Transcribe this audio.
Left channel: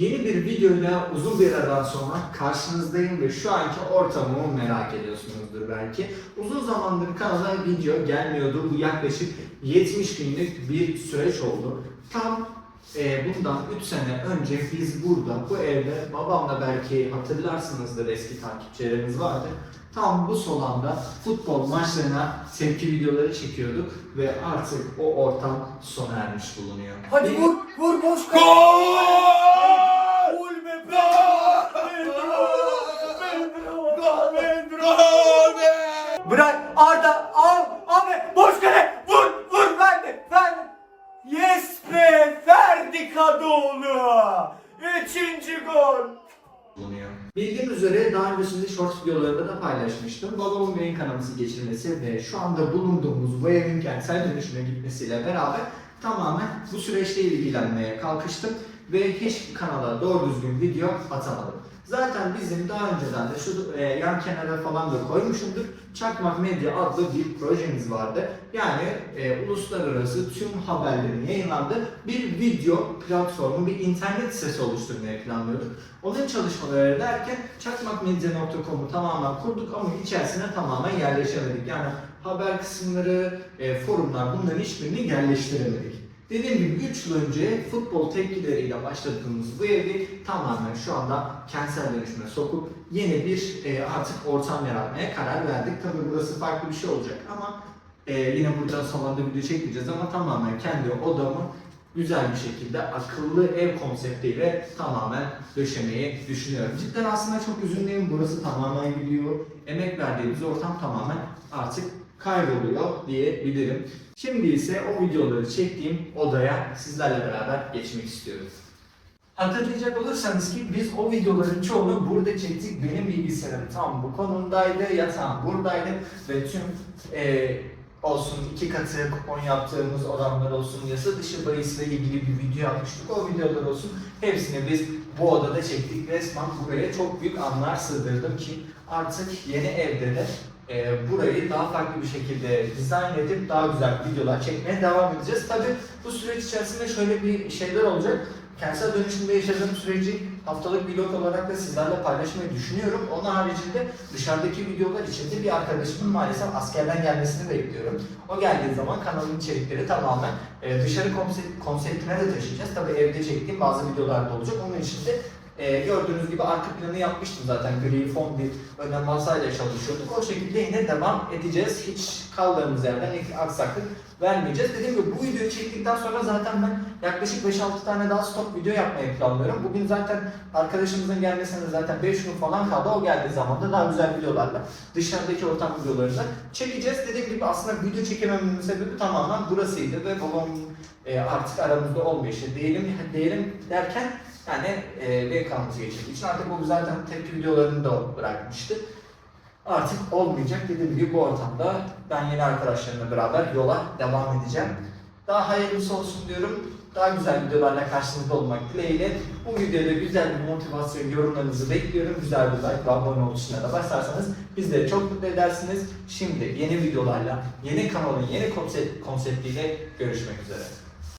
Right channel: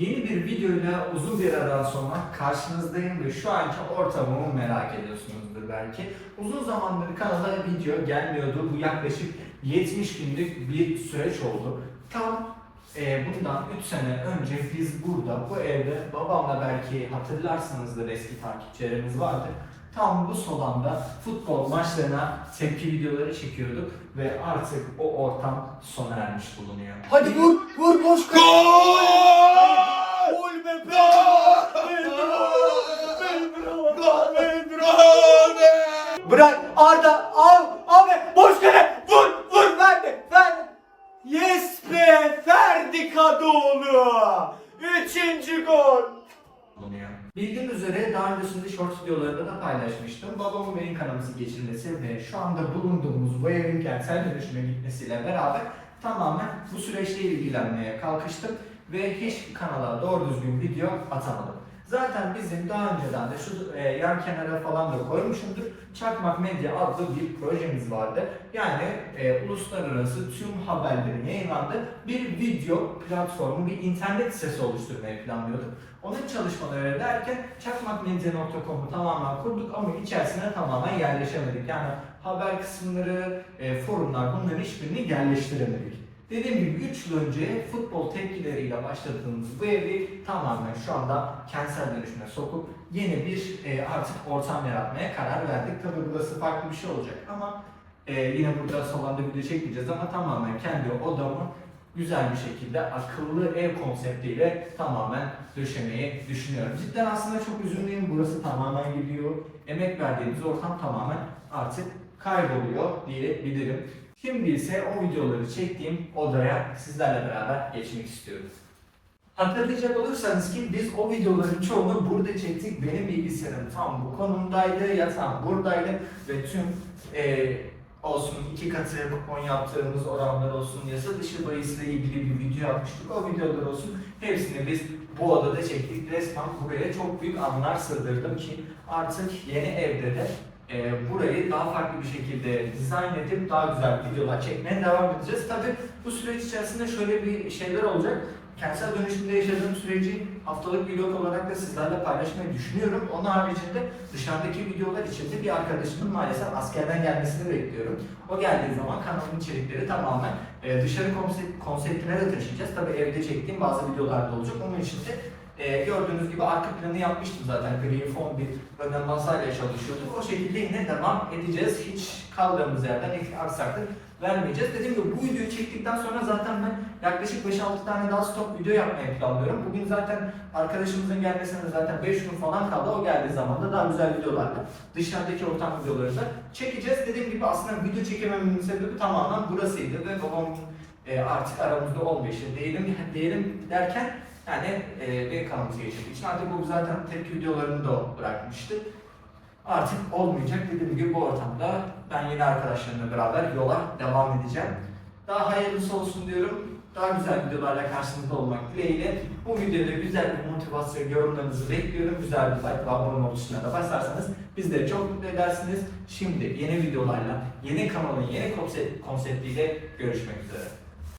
Yeni bir videoyla uzun bir aradan sonra karşınızdayım ve şu anki ortamımı merak ediyorsunuzdur belki. Uzun zamandır kanala video gelmiyordu. Bu yaklaşık 70 günlük bir süreç oldu. Tam e, bundan 3 sene önce biz burada bu evde babamla belki hatırlarsınızdır eski takipçilerimiz vardı. Tam bu salonda futbol maçlarına tepki videoları çekiyorduk ve artık o ortam sona ermiş bulunuyor. Hadi vur, vur boş kal. Gol! Bırak Arda, al, abi boş kale, vur, vur, verdi, verdi. Yes be, Ferdi Kadıoğlu. Üçüncü gol. Bildiğiniz üzere daha öncesinde short videolarında da paylaşmıştım. Babamın beyin kanaması geçirmesi ve şu anda bulunduğumuz bu evin kentsel dönüşüme gitmesiyle beraber tamamen bu süreçle ilgilenmeye kalkıştım ve hiç kanala doğru düzgün video atamadım. Zaten bizim daha önceden de şu e, yan kenara falan da koymuşumdur. Çakmak Medya adlı bir projemiz vardı. Yani e, uluslararası tüm haberlerin yayınlandığı bir video platformu, bir internet sitesi oluşturmayı planlıyorduk. Onun çalışmaları derken çakmakmedya.com'u tamamen kurduk ama içerisine tamamen yerleşemedik. Yani haber kısımları, e, forumlar bunların hiçbirini yerleştiremedik. Dediğim gibi 3 yıl önce futbol tepkileriyle başladığımız bu evi tamamen şu anda kentsel dönüşüme sokup yeni bir e, artık ortam yaratmaya karar verdik. Tabii burası farklı bir şey olacak ama e, yine burada salonda video çekmeyeceğiz ama tamamen kendi odamı güzel bir şekilde akıllı ev konseptiyle tamamen döşemeyi düşünüyorum. Cidden aslında çok üzünlüyüm. Burası tamamen gidiyor. Emek verdiğimiz ortam tamamen artık kayboluyor diyebilirim. Şimdi ise o videoları çektiğim odaya sizlerle beraber geçmek istiyorum. Hatırlayacak olursanız ki biz o videoların çoğunu burada çektik. Benim bilgisayarım tam bu konumdaydı, yatağım buradaydı ve tüm eee olsun iki katı kupon yaptığımız oranlar olsun, yasa dışı bahisle ilgili bir video yapmıştık. O videolar olsun hepsini biz bu odada çektik. Resmen buraya çok büyük anlar sığdırdım ki artık yeni evde de e, burayı daha farklı bir şekilde dizayn edip daha güzel videolar çekmeye devam edeceğiz. Tabi bu süreç içerisinde şöyle bir şeyler olacak. Kentsel dönüşümde yaşadığım süreci haftalık vlog olarak da sizlerle paylaşmayı düşünüyorum. Onun haricinde dışarıdaki videolar için de bir arkadaşımın maalesef askerden gelmesini bekliyorum. O geldiği zaman kanalın içerikleri tamamen e, dışarı konsept, konseptine de taşıyacağız. Tabi evde çektiğim bazı videolar da olacak. Onun için de e, gördüğünüz gibi arka planı yapmıştım zaten. Gri fon bir ön masayla çalışıyorduk. O şekilde yine devam edeceğiz. Hiç kaldığımız yerden aksaklık vermeyeceğiz. Dediğim gibi bu videoyu çektikten sonra zaten ben yaklaşık 5-6 tane daha stop video yapmayı planlıyorum. Bugün zaten arkadaşımızın gelmesine zaten 5 gün falan kaldı. O geldiği zaman da daha güzel videolarla dışarıdaki ortam videoları da çekeceğiz. Dediğim gibi aslında video çekemememin sebebi tamamen burasıydı ve babamın e, artık aramızda işte diyelim, diyelim derken yani e, benim kanalımızı geçirdiği için artık bu zaten tepki videolarını da bırakmıştı. Artık olmayacak dediğim gibi bu ortamda ben yeni arkadaşlarımla beraber yola devam edeceğim. Daha hayırlısı olsun diyorum. Daha güzel videolarla karşınızda olmak dileğiyle. Bu videoda güzel bir motivasyon yorumlarınızı bekliyorum. Güzel bir like ve abone ol tuşuna da basarsanız bizleri çok mutlu edersiniz. Şimdi yeni videolarla, yeni kanalın yeni konsept, konseptiyle görüşmek üzere.